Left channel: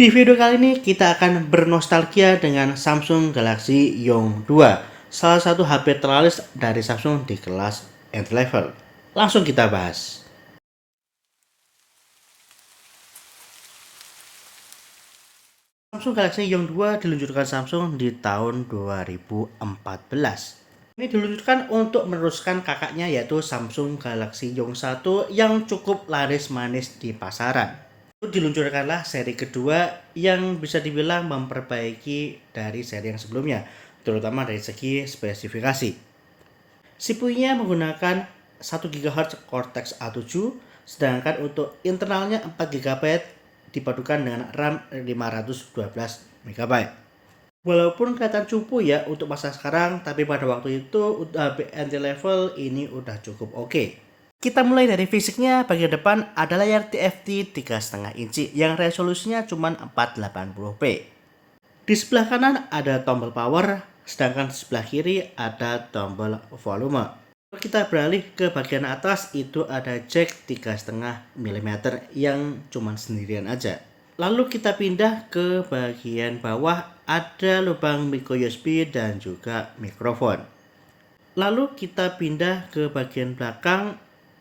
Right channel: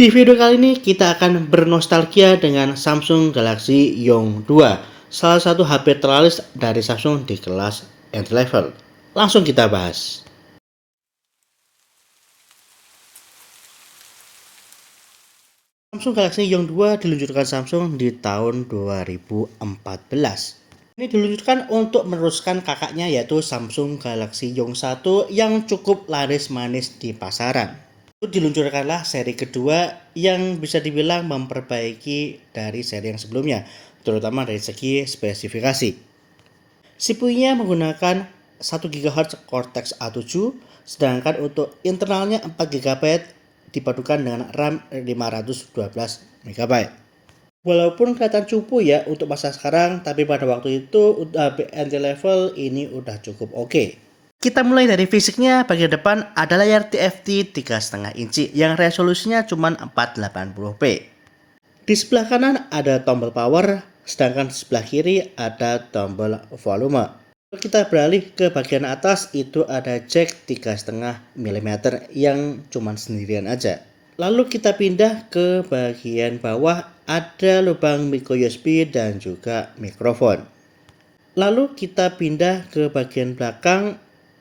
Di video kali ini kita akan bernostalgia dengan Samsung Galaxy Young 2, salah satu HP terlaris dari Samsung di kelas entry level. Langsung kita bahas. Samsung Galaxy Young 2 diluncurkan Samsung di tahun 2014. Ini diluncurkan untuk meneruskan kakaknya yaitu Samsung Galaxy Young 1 yang cukup laris manis di pasaran. Diluncurkanlah seri kedua yang bisa dibilang memperbaiki dari seri yang sebelumnya, terutama dari segi spesifikasi. CPU-nya menggunakan 1 GHz Cortex A7, sedangkan untuk internalnya 4 GB dipadukan dengan RAM 512 MB. Walaupun kelihatan cupu ya untuk masa sekarang, tapi pada waktu itu entry level ini udah cukup oke. Kita mulai dari fisiknya. Bagian depan ada layar TFT 3,5 inci yang resolusinya cuma 480p. Di sebelah kanan ada tombol power, sedangkan di sebelah kiri ada tombol volume. Kalau kita beralih ke bagian atas, itu ada jack 3,5 mm yang cuma sendirian aja. Lalu kita pindah ke bagian bawah, ada lubang micro USB dan juga mikrofon. Lalu kita pindah ke bagian belakang.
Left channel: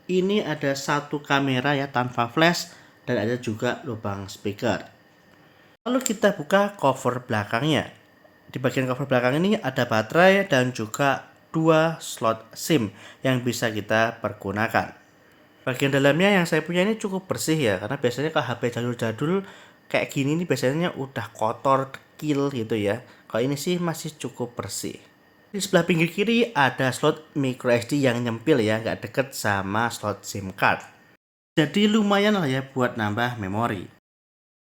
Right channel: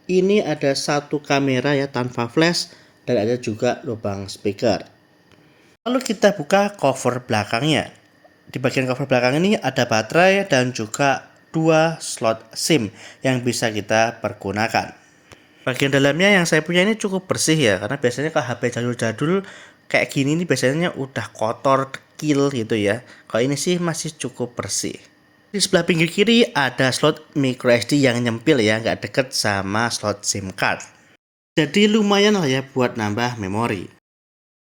Ini ada satu kamera ya tanpa flash dan ada juga lubang speaker. Lalu kita buka cover belakangnya. Di bagian cover belakang ini ada baterai dan juga 2 slot SIM yang bisa kita pergunakan. Bagian dalamnya yang saya punya ini cukup bersih ya, karena biasanya kalau HP jadul-jadul kayak gini nih biasanya udah kotor, kecil gitu ya. Kalau ini sih masih cukup bersih. Di sebelah pinggir kiri ada slot micro SD yang nyempil ya, nggak deket sama slot SIM card. Jadi lumayan lah ya buat nambah memori.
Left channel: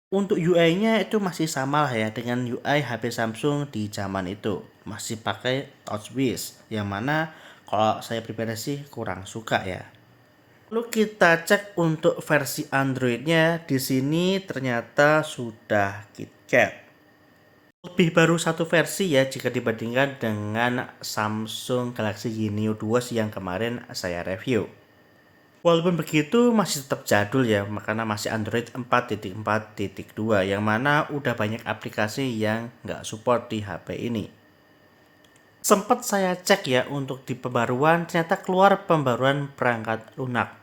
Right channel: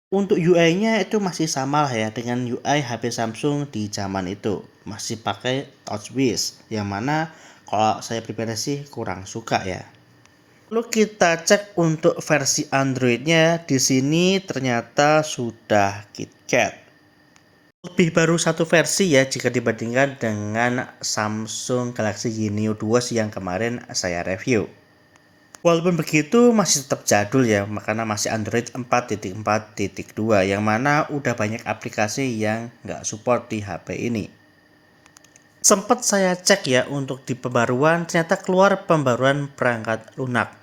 Untuk UI-nya itu masih sama lah ya dengan UI HP Samsung di zaman itu. Masih pakai TouchWiz, yang mana kalau saya pribadi sih kurang suka ya. Lalu kita cek untuk versi Android-nya. Di sini ternyata sudah KitKat. Lebih baru satu versi ya jika dibandingkan dengan Samsung Galaxy Y-Neo 2 yang kemarin saya review. Walaupun begitu masih tetap jadul ya, karena masih Android 4.4.2 yang mana udah banyak aplikasi yang nggak support di HP ini. Sempat saya cek ya untuk di pembaruan, ternyata keluar pembaruan perangkat lunak.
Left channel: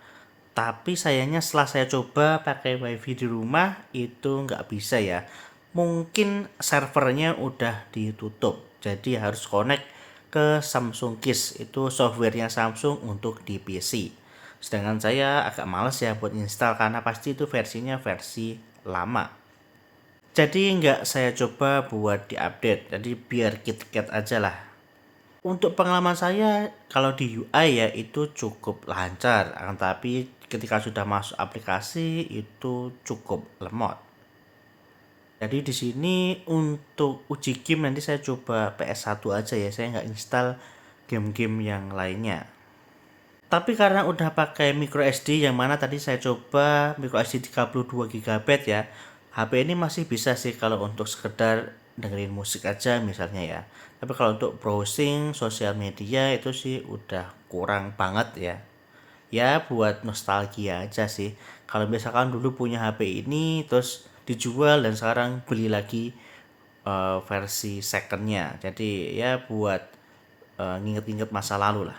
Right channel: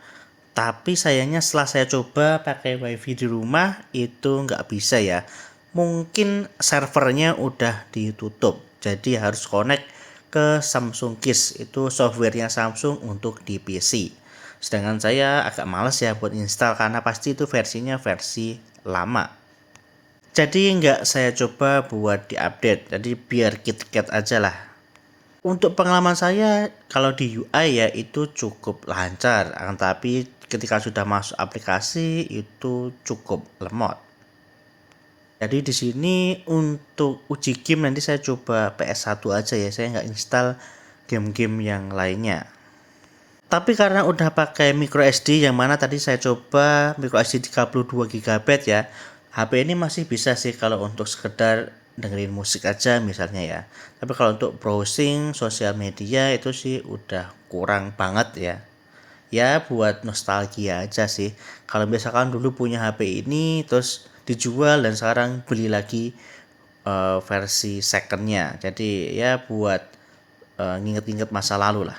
Tapi sayangnya setelah saya coba pakai wifi di rumah itu nggak bisa ya. Mungkin servernya udah ditutup, jadi harus connect ke Samsung Kiss, itu softwarenya Samsung untuk di PC. Sedangkan saya agak males ya buat install karena pasti itu versinya versi lama. Jadi nggak saya coba buat diupdate, jadi biar KitKat aja lah. Untuk pengalaman saya kalau di UI ya itu cukup lancar, tapi ketika sudah masuk aplikasi itu cukup lemot. Jadi di sini untuk uji game nanti saya coba PS1 aja ya, saya nggak install game-game yang lainnya. Tapi karena udah pakai micro SD yang mana tadi saya coba micro SD 32 GB ya, HP ini masih bisa sih kalau untuk sekedar dengerin musik aja misalnya ya. Tapi kalau untuk browsing sosial media itu sih udah kurang banget ya. Ya buat nostalgia aja sih. Kalau misalkan dulu punya HP ini terus dijual dan sekarang beli lagi versi secondnya. Jadi ya buat nginget-nginget masa lalu lah.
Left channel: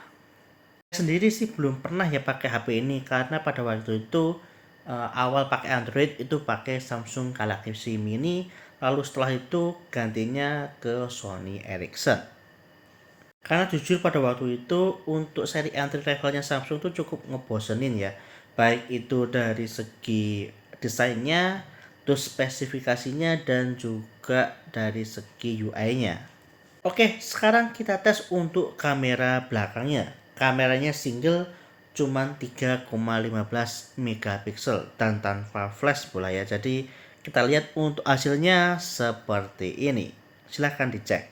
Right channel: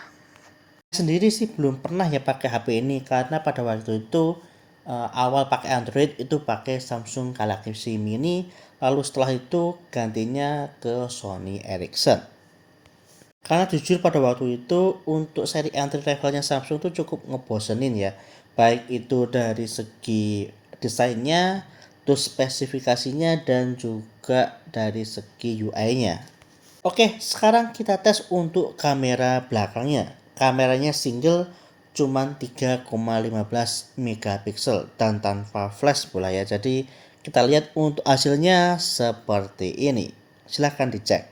Sendiri sih belum pernah ya pakai HP ini karena pada waktu itu awal pakai Android itu pakai Samsung Galaxy Mini, lalu setelah itu gantinya ke Sony Ericsson. Karena jujur pada waktu itu untuk seri entry levelnya Samsung tuh cukup ngebosenin ya. Baik itu dari segi desainnya, terus spesifikasinya dan juga dari segi UI-nya. Oke, sekarang kita tes untuk kamera belakangnya. Kameranya single cuman 3,15 megapiksel dan tanpa flash pula ya. Jadi kita lihat untuk hasilnya seperti ini. Silahkan dicek.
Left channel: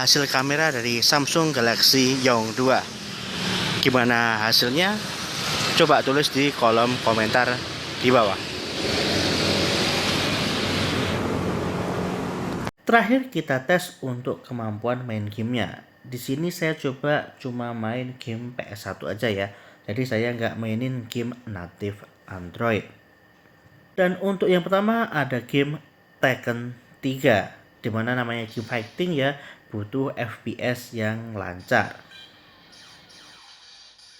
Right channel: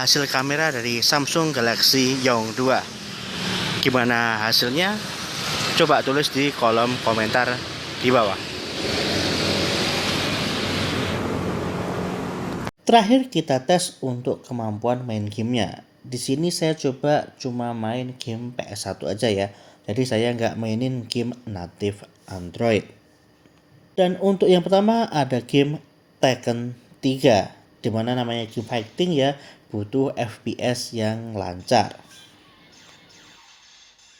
hasil kamera dari Samsung Galaxy Young 2. Gimana hasilnya? Coba tulis di kolom komentar di bawah. Terakhir kita tes untuk kemampuan main gamenya. Di sini saya coba cuma main game PS1 aja ya. Jadi saya nggak mainin game native Android. Dan untuk yang pertama ada game Tekken 3, dimana namanya game fighting ya, butuh FPS yang lancar.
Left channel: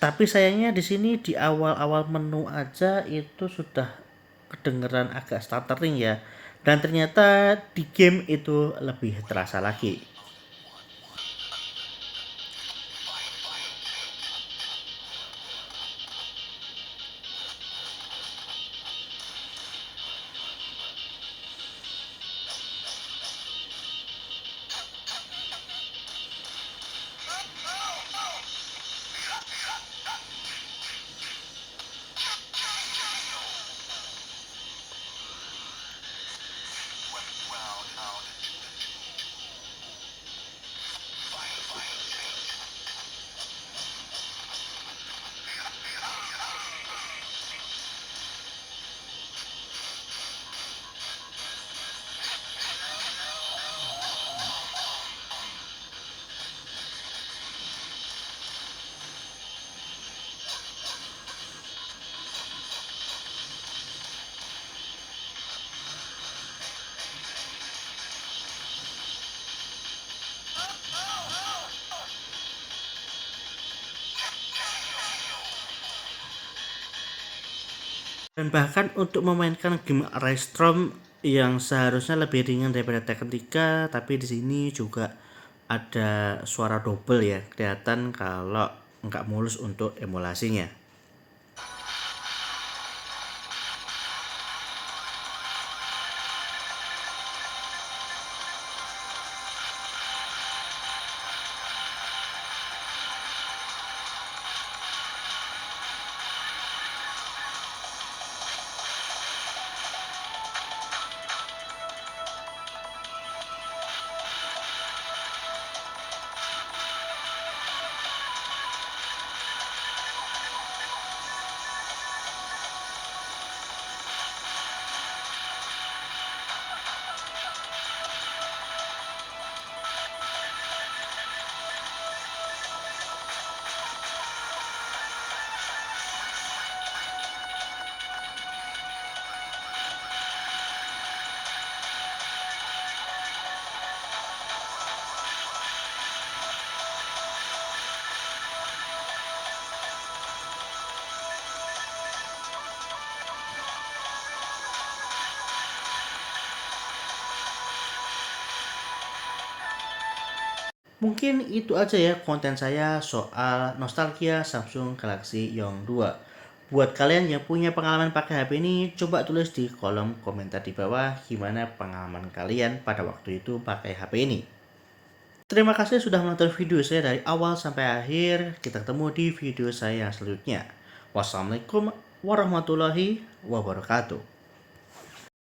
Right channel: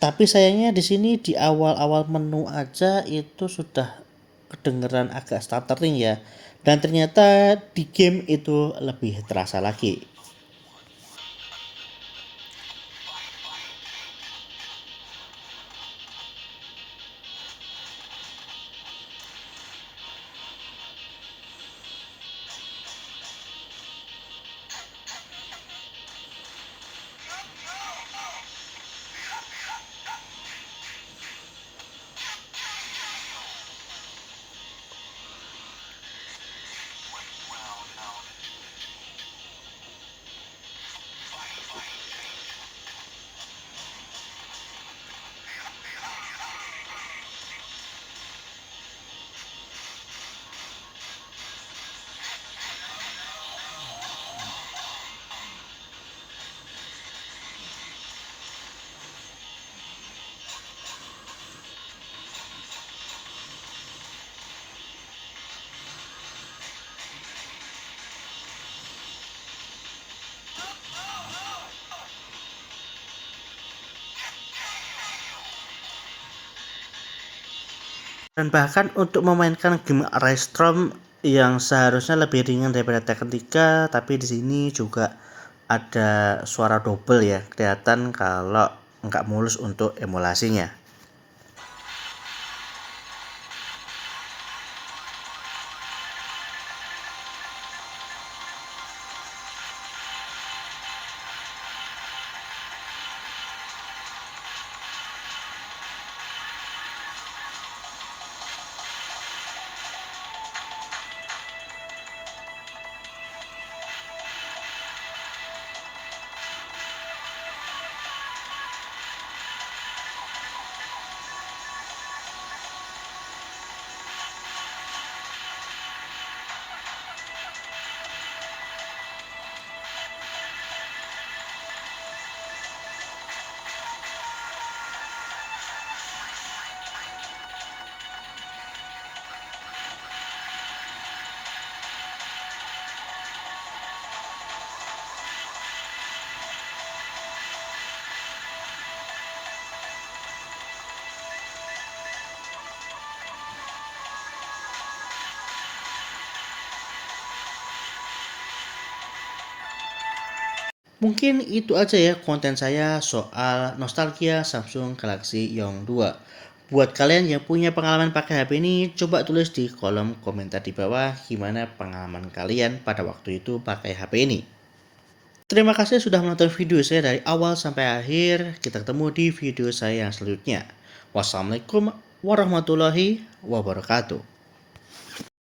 Tapi sayangnya di sini di awal-awal menu aja itu sudah kedengeran agak stuttering ya. Dan ternyata di game itu lebih terasa lagi. Dan bahkan untuk memainkan game Restrom yang seharusnya lebih ringan daripada Tekken 3, tapi di sini juga ada suara double ya, kelihatan kalau nggak mulus untuk emulasinya. Mungkin itu aja ya konten saya soal nostalgia Samsung Galaxy Young 2. Buat kalian yang punya pengalaman pakai HP ini, coba tulis di kolom komentar di bawah gimana pengalaman kalian pada waktu itu pakai HP ini. Terima kasih sudah menonton video saya dari awal sampai akhir. Kita ketemu di video saya yang selanjutnya. Wassalamualaikum warahmatullahi wabarakatuh.